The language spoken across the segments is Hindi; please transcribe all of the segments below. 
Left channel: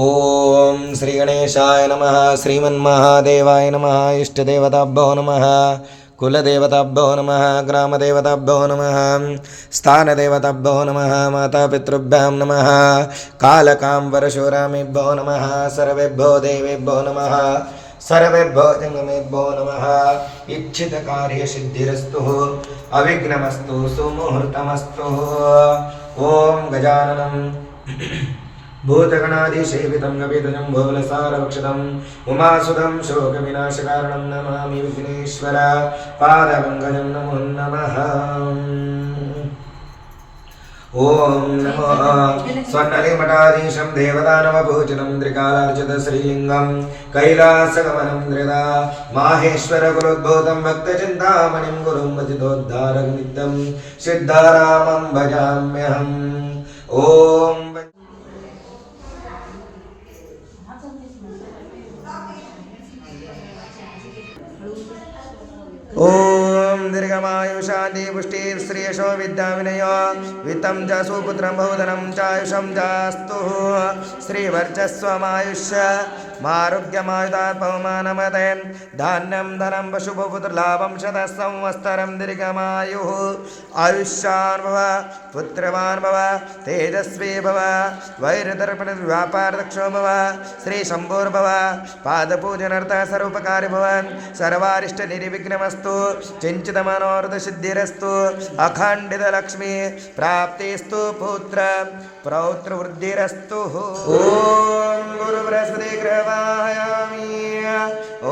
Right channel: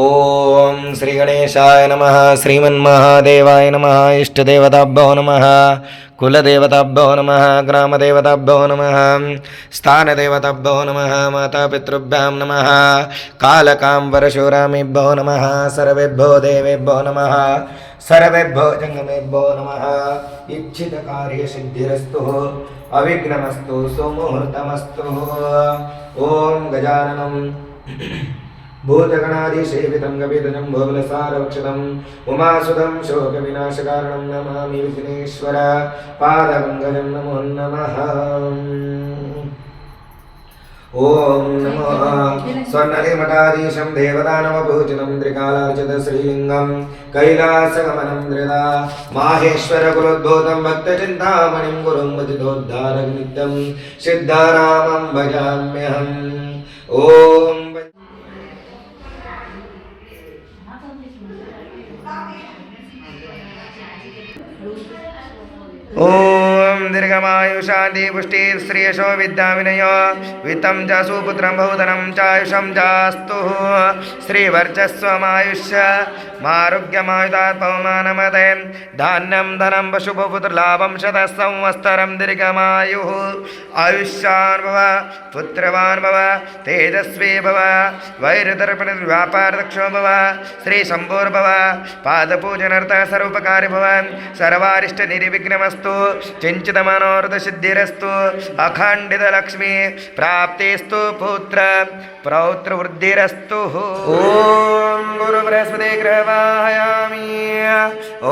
ओम श्री गणेशाय नमः। श्रीमन्महादेवाय नमः। इष्टदेवताभ्यो नमः। कुलदेवताभ्यो नमः। ग्रामदेवताभ्यो नमः। स्थानदेवताभ्यो नमः। मातापितृभ्यां नमः। कालकाम्बरशूरामेभ्यो नमः। सर्वेभ्यो देवेभ्यो नमः। सर्वेभ्यो जंगमेभ्यो नमः। इच्छितकार्यसिद्धिरस्तु। अविघ्नमस्तु। सुमुहूर्तमस्तु। ओम गजाननं भूतगणादिसेवितं कपितजं भोगलसारभक्षितम् उमासुतं शोकविनाशकारणं नमामि विघ्नेश्वर पादपङ्कजं नमो नमः। ओम नमो स्वर्णलिमठाधीशं देवदानवपूजितं त्रिकालार्चितं श्रीलिङ्गं कैलासगमनं धृता माहेश्वरकुलोद्भूतं भक्तचिन्तामणिं गुरुं भजितोद्धारकनित्यं सिद्धारामं भजाम्यहम्। ओम ओम दीर्घमायु शांति पुष्टि श्रेयसो विद्या विनय वित्तं च सुपुत्रं बहुधनं चायुषं चास्तु श्रीवर्चस्वमायुष्य मारुग्यमायुधात्ममानमते धान्यं धनं पशुपुत्रलाभं शतसंवत्सरं दीर्घमायुः आयुष्यान् भव पुत्रवान् भव तेजस्वी भव वैरदर्पण व्यापारदक्षो भव श्री शंभोर्भव पादपूजनार्थ सर्वोपकारी भव सर्वारिष्ट निर्विघ्नमस्तु चिंचित मनोरथ सिद्धिरस्तु अखंडित लक्ष्मी प्राप्तिस्तु पुत्र प्रौत्र वृद्धिरस्तु। ओम गुरु बृहस्पति ग्रहवाहयामि।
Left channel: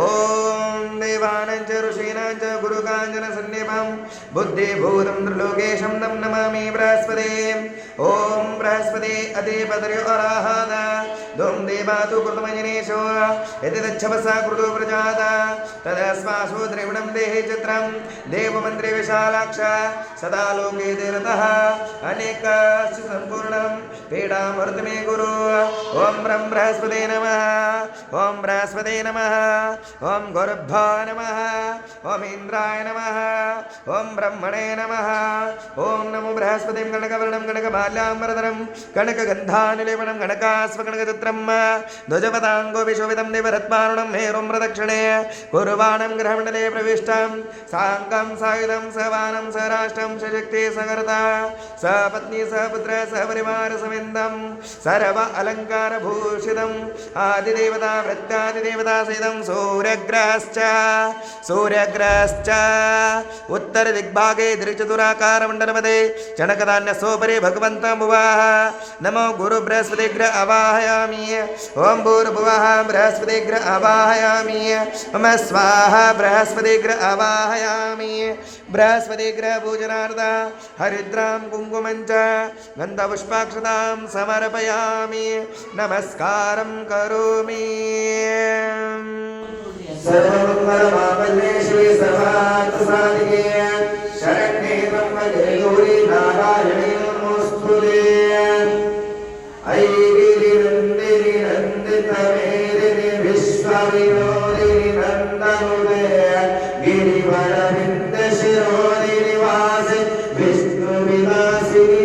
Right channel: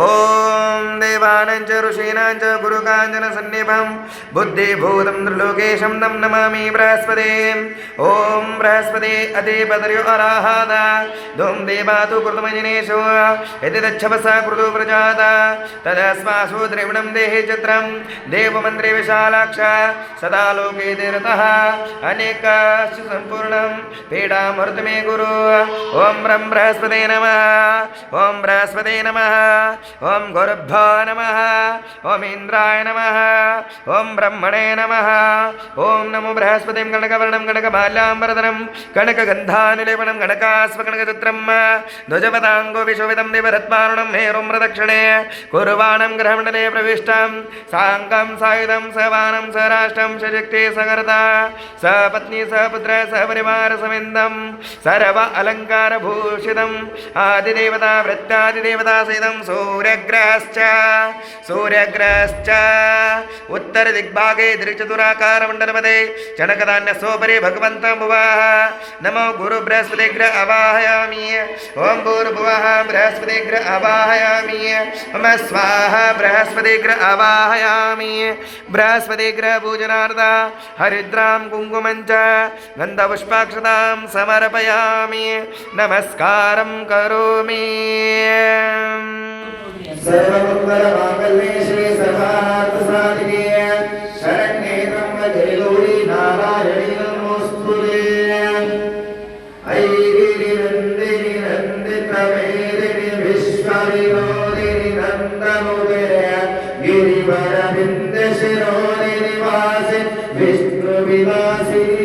ओम देवानां च ऋषीणां च गुरुकाञ्चन सन्निभं बुद्धिभूतं त्रिलोकेशं तं नमामि बृहस्पति। ओम बृहस्पति अधिपतयो अराहत धूम देवातु कृतमजनेषु यदि दच्छवसा कृतो प्रजाता तदस्मासु द्रविणं देहि चित्रं देवमन्त्रे विशालाक्ष सदा लोके देरतः अनेकश्च सम्पूर्णं पीडामृत मे गुरु। ओम ब्रह्म बृहस्पते नमः। ओम बृहस्पते नमः। ओम गुरुभ्यो नमः। ओम इंद्राय नमः। ओम ब्रह्मणे नमः। ओम नमो बृहस्पतिं कनकवर्णं कनकमाल्याम्बरधरं कनकगन्धानुलेपनं कनकास्वकनकचित्रं ध्वजपदाङ्गो विशोभितं देवरत्नारुणं मेरुं प्रदक्षिणे कुर्वाणं ग्रहमण्डले प्रविष्टं साङ्गं सायुधं सवानं सराष्ट्रं सशक्ति सगर्ता सपत्नी सपुत्र सपरिवार समिन्दं सर्व अलंकार भूषितम् आदिदेवता वृत्तादिदेवता सहितं सूर्यग्रहश्च उत्तर दिग्भागे दृचतुराकार मण्डलपदे चणकधान्यसोपरि भगवन्तं भुवः। नमो गुरु बृहस्पतिग्रह अवाहयामि। ओम भूर्भुवः बृहस्पतिग्रह अवाहयामि। ओम स्वाहा बृहस्पतिग्रह अवाहयामि। बृहस्पतिग्रह पूजनार्थ हरिद्रां कुङ्कुमं च गन्धपुष्पाक्षतां समर्पयामि नमस्कारं करोमि। सर्वमङ्गलमाङ्गल्ये शिवे सर्वार्थसाधिके शरण्ये त्र्यम्बके गौरी नारायणी नमोऽस्तुते। ऐगिरिनन्दिनि नन्दितमेदिनि विश्वविनोदिनि नन्दनुते गिरिवरविन्दशिरोदिनि वासि विष्णुविलासिनि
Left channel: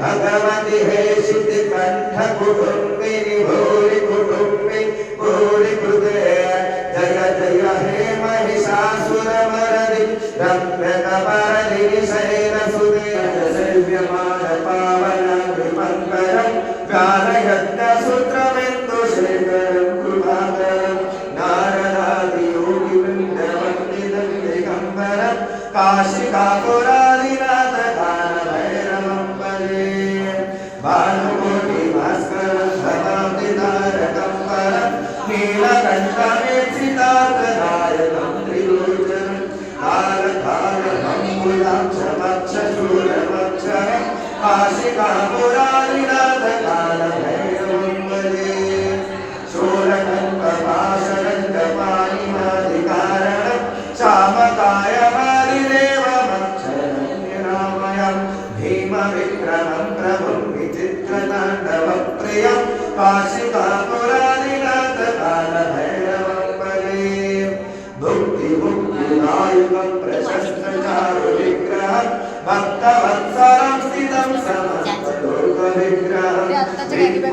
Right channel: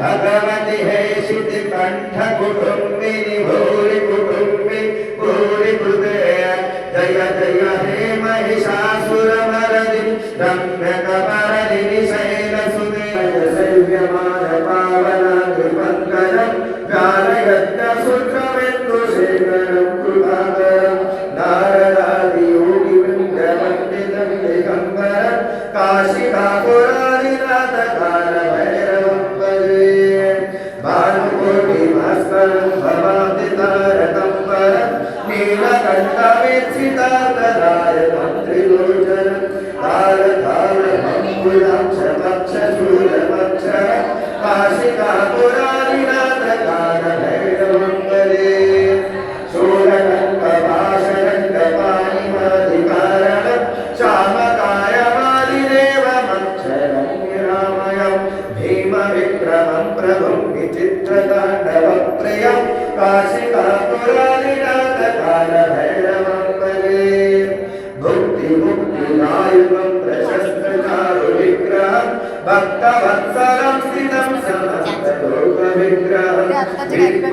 भगवति हेशिति कंठ कुटुंबिनि भूरि कुटुंबि भूरि कृते जय जय हे महिषासुरमर्दि रम्यकपरदिनि शैलसुते सेव्यमान पावन विमङ्गलं गानयज्ञसूत्रबिन्दुशेखरं कृपाकरं नारदादियोगिवृन्दवन्दितं दिगम्बरं काशिकापुरादिनाथ कालभैरवं भजे भानुकोटि भास्करं भवाब्दितारकं परं नीलकण्ठवेत्सितार्थधारकं त्रिलोचनं कालकालमङ्कुलाक्षमक्षशूलमक्षरं काशिकापुरादिनाथ कालभैरवं भजे शूलकण्ठपाशरङ्गपाणिमादिकारणं श्यामकायमादिदेवमक्षरं निरामयं भीमविक्रमं प्रभुं विचित्रताण्डवप्रियं काशिकापुरादिनाथ कालभैरवं भजे भुक्तिमुक्तिदायकं प्रशस्तचारुविग्रहं भक्तवत्सलं स्थितं समस्तलोकविग्रहं आत्ताचे कॅरी बॅग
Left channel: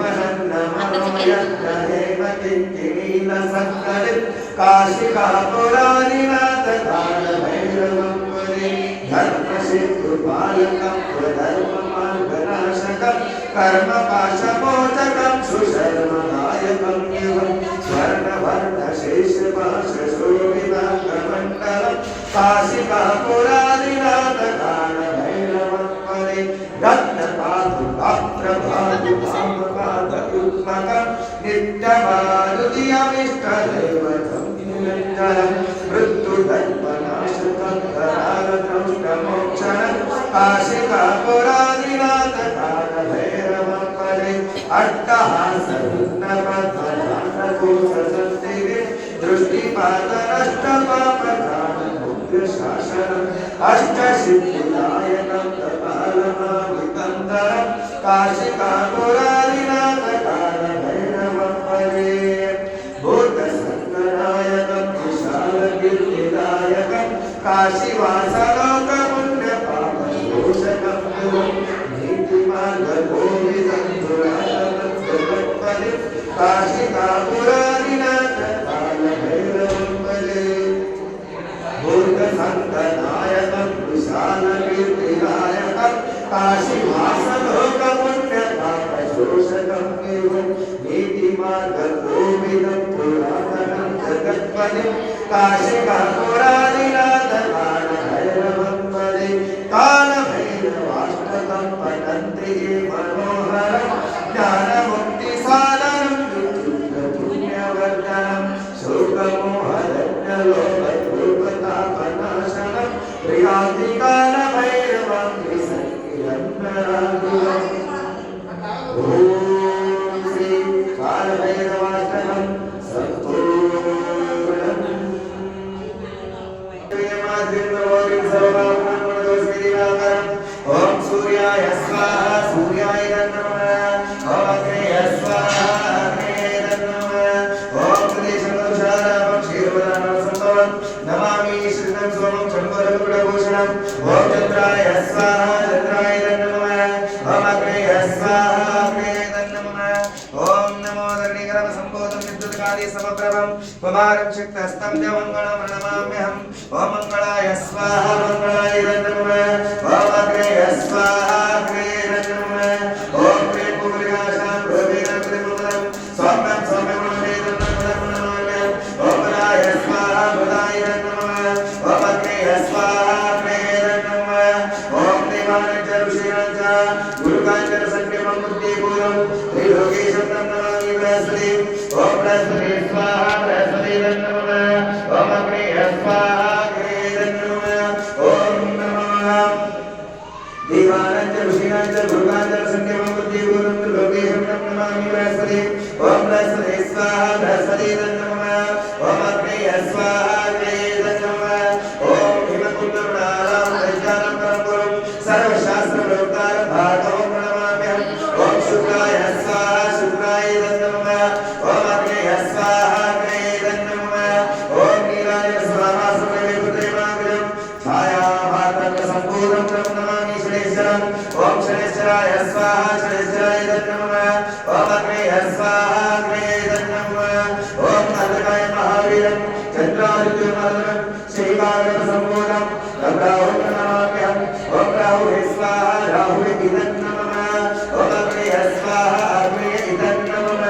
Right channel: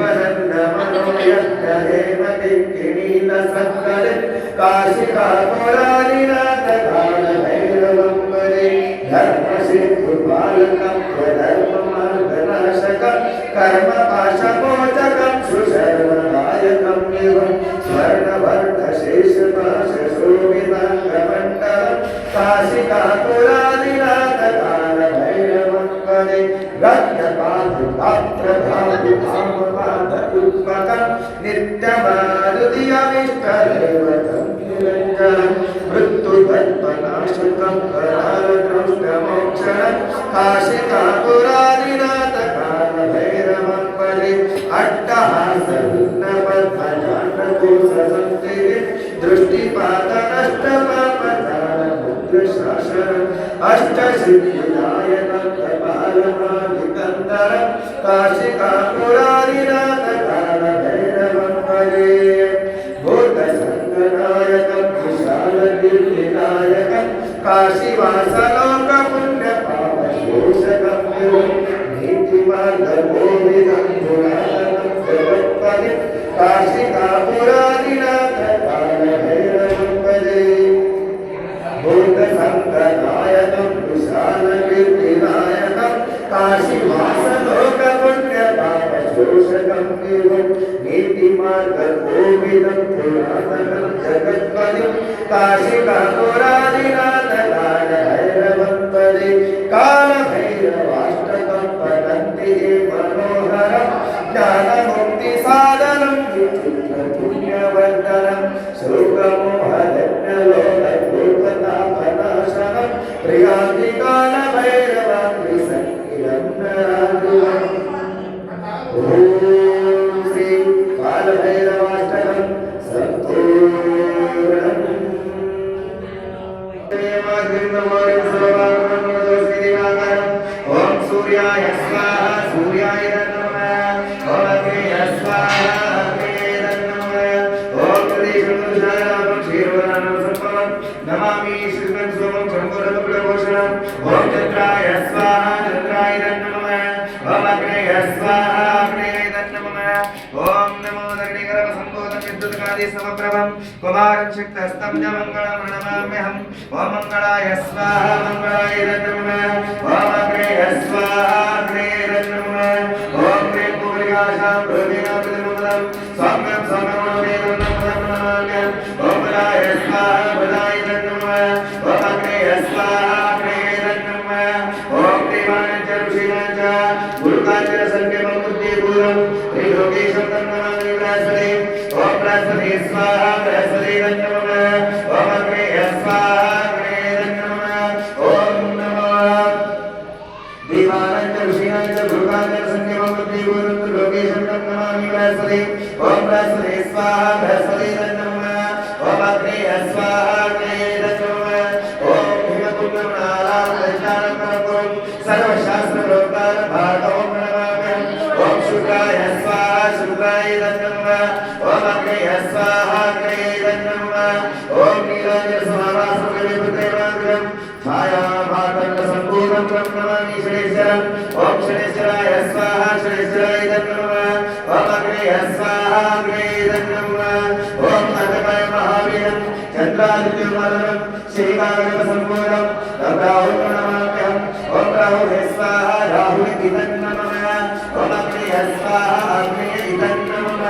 कर्म पाशमोचकं सुशर्मदायकं युगं स्वर्णवर्णशेषपाशशोभिताङ्गमण्डलं काशिकापुरादिनाथकालभैरवं वदे रत्नपादुकाप्रभादुकामपादयुग्मकं नित्यमारुतियमिष्टदेवतं निरञ्जनं मृत्युधर्मनाशकं करालकौष्टमोक्षणं काशिकापुरादिनाथकालभैरवं वदे अट्टहासविघ्नपद्मनाथकोसंस्थिते दृष्टिपातनष्टपापदानमुग्रशासनम् अष्टसिद्धिदायकं कपालमादिकन्दरं काशिकापुरादिनाथकालभैरवं वदे भूतसङ्गनायकं विशालगिरिदायकं काशीवासलोकपुण्यपापशोषकं युगं नीतिमार्गगोविदं दुरालकं जगत्पदे काशिकापुरादिनाथकालभैरवं वदे भूतसङ्गनायकं विशालगिरिनायकं काशीवासलोकपुण्यपापशोषकं युगं नीतिमार्गगोविदं पुरातनं जगत्पदं काशिकापुरादिनाथकालभैरवं वदे कालभैरवाष्टकं पठन्ति ये मनोहरं ज्ञानमुक्तिसाधनं विचित्रपुण्यवर्धनं शोकमोहरज्ञलोकतापनाशनं प्रियान्तिकालभैरवं विसङ्गिरन्नराधिवम् ॐ श्री कालभैरवाष्टकं सम्पूर्णम् ओम सूर्याय स्वाहा सूर्याय नमः ओम अग्नये स्वाहा अग्नये नमः ओम प्रदेशमनुषायां क्षीरवरानं संभवं नमामि श्रीनं सोमं शम्भुरमुकुलभूषणं ओम चन्द्राय स्वाहा चन्द्राय नमः ओम अग्नये स्वाहा अग्नये नमः ओम नमो धरणीकरसम्भूतं विद्युत्कादि समप्रभं कुमारं शक्तहस्तं च मङ्गलं प्रणमाम्यहम् ओम मंगलाय स्वाहा मंगलाय नमः ओम अग्नये स्वाहा अग्नये नमः ओम क्लीं पूर्याशां भूमिकाकृतिमुदं सौम्यं सौम्यमनोमेकं नमाम्यहम् ओम बलाय स्वाहा बलाय नमः ओम अग्नये स्वाहा अग्नये नमः ओम देवानां च ऋषीणां च गुरुकाञ्चन सन्निभं बुद्धिपूर्वं त्रिलोकीशं नमामि बृहस्पति ओम बृहस्पति स्वाहा बृहस्पति नमः ओम अग्नये स्वाहा देवानां च ऋषीणां च गुरुकाञ्चन सन्निभं बुद्धिपूर्वं त्रिलोकीशं नमामि बृहस्पति ओम बृहस्पति स्वाहा बृहस्पति नमः ओम अग्नये स्वाहा अग्नये नमः ओम हिमकुन्दमनालां लज्जानं परमपुरं सर्वशास्त्रप्रोक्तारं भागवतं प्रणमाम्यहम् ओम शुक्लाय स्वाहा शुक्लाय नमः ओम अग्नये स्वाहा अग्नये नमः ओम नीलाय स्वाहा सुरेन्द्रदेवाग्रं छायाभातं सम्पूर्णं नमामि शनेश्वरम् ओम शनेश्वराय स्वाहा शनेश्वराय नमः ओम अग्नये स्वाहा अग्नये नमः ओम अनघाय महावीरं चन्द्रादित्यमादनं श्रीकारणसम्पूर्णं राहुं नमाम्यहम् ओम राहुवे स्वाहा राहुवे नमः ओम अग्नये स्वाहा अग्नये नमः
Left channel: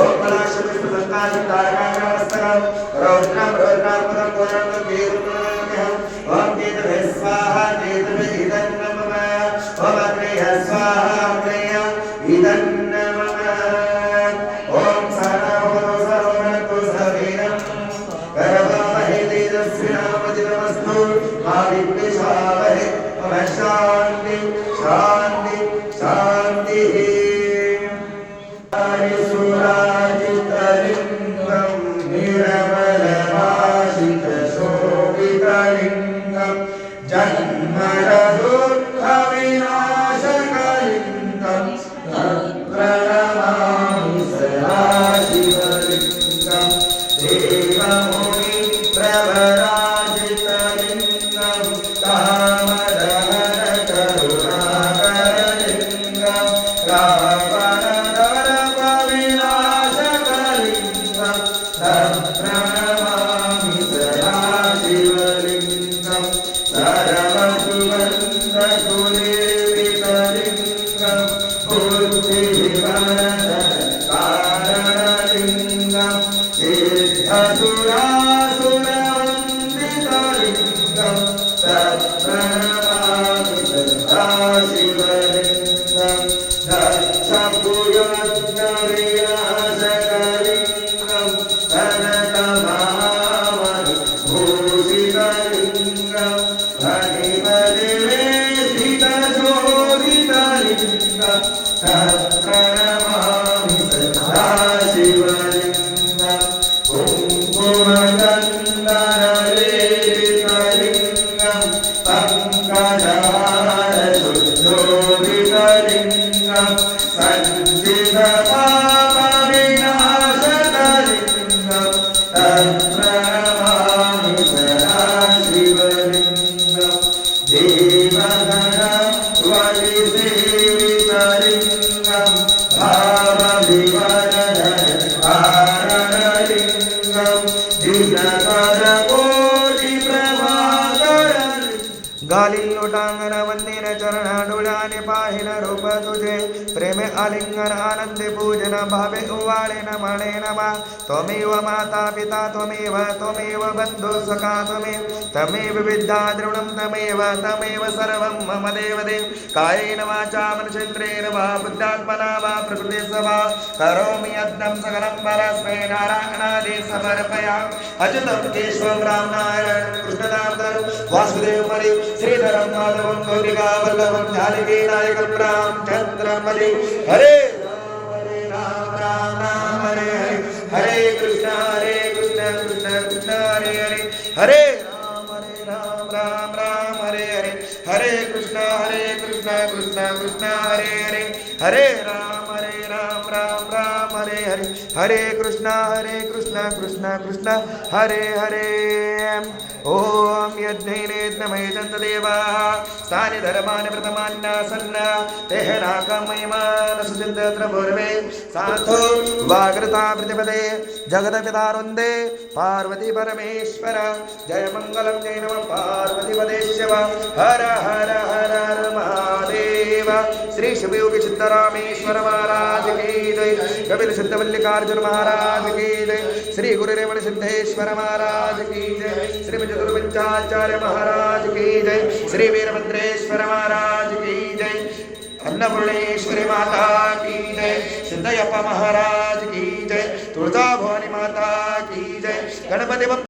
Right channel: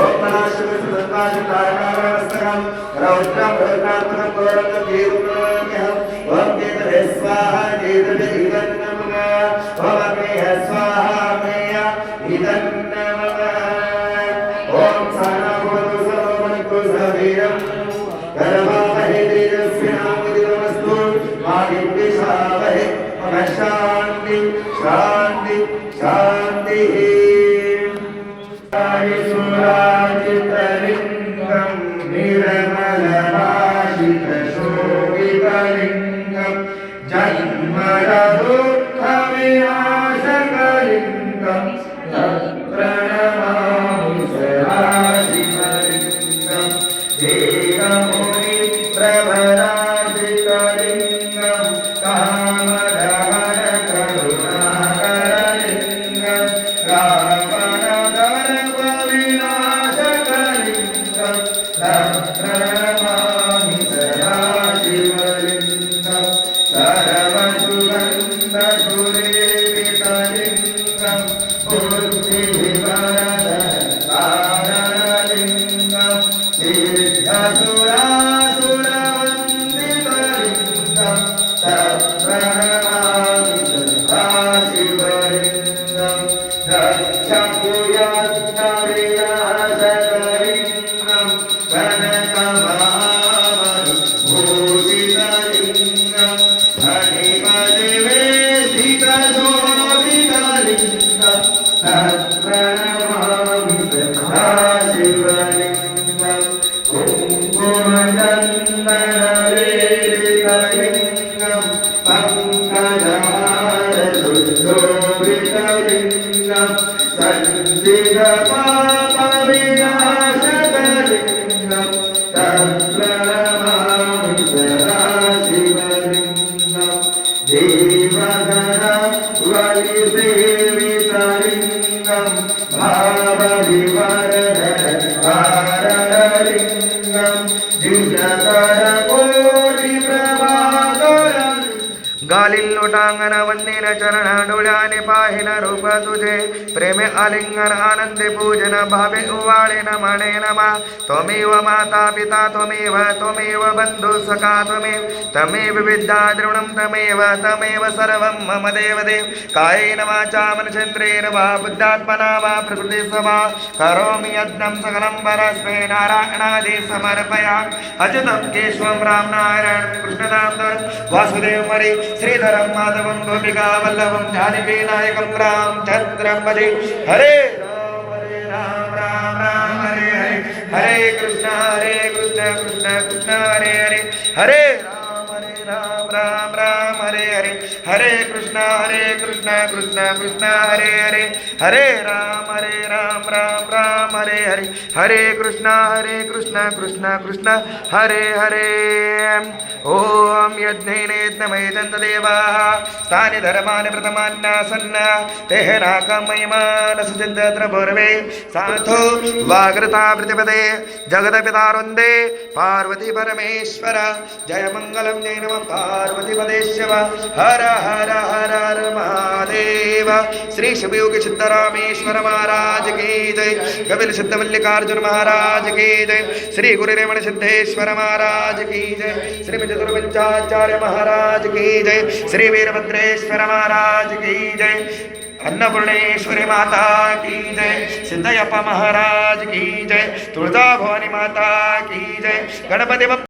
ओम पलाशविष्णुसंकाशतारकावरवस्त्रं रौद्रं रौद्रात्मकं गौरवं वीरं ओम केतवे स्वाहा केतवे नमः ओम अग्नये स्वाहा अग्नये नमः ओम सानाभवतो सर्वमनकुसवीरं करवावहे तेजस्विनामदितमस्तु मा विद्विषावहे शान्ति शान्ति शान्तिः सुराजितलिङ्गं निरमलभाषितशोभितलिङ्गं जन्मदुःखविनाशकलिङ्गं प्रणमामि सदाशिवलिङ्गं देवमुनिप्रभराजितलिङ्गं कामदहनकरुणाकरलिङ्गं रावण गालिल लोटांगन वंदिन चरण डोळ्याने पाहिन रूप तुझे प्रेमे आलिंगन आनंदे पूजन भावे उवाळे नमणे नमा त्वमेव माता पिता त्वमेव बंधु सखा तमेव विद्या द्रोणं तमेव सर्वं मम देवदेव कायेन वाचा मनसेन्द्रियेण वा बुद्ध्यात्मना वा प्रकृते वा करोमि यज्ञं सकलं परस्मै नारायणादि समर्पयामि अच्युतं केशवं रामनारायणं कृष्णदामोदरं वासुदेवं श्रीधरं माधवं गोपिका वल्लभं जानकी नायकं रामचन्द्रं भजे हरे राम राम राम हरे हरे हरे कृष्ण कृष्ण कृष्ण हरे हरे हरे राम राम हरे हरे हरे कृष्ण कृष्ण कृष्ण हरे हरे हरे राम राम हरे हरे हरे कृष्ण कृष्ण कृष्ण हरे हरे ओम यज्ञैनेत्नमये चन्ददेवाः स्थानि धर्मानि व्रतमान्यासन्न तेहनाकमयमान सुचिन्तत्र पूर्वे साधो वाग्रता प्रतिपदे जगदपितारुन्दे पार्वती परमेश्वर जय मंगलम जय नमः पार्वती पदेश्व हर हर हर हर महादेव श्री शिवयोगी सिद्धरामेश्वर महाराज की जय कपिल सिद्ध मल्लिकार्जुन महाराज की जय श्री गुरुरेवण सिद्धेश्वर महाराज की जय श्री चतुर्पंचाचार्य महाराज की जय श्री वीरभद्रेश्वर महाराज की जय अन्नपूर्णेश्वरी माता की जय सिद्धयप्पा महाराज की जय तुळजा भवानी माता की जय गणपति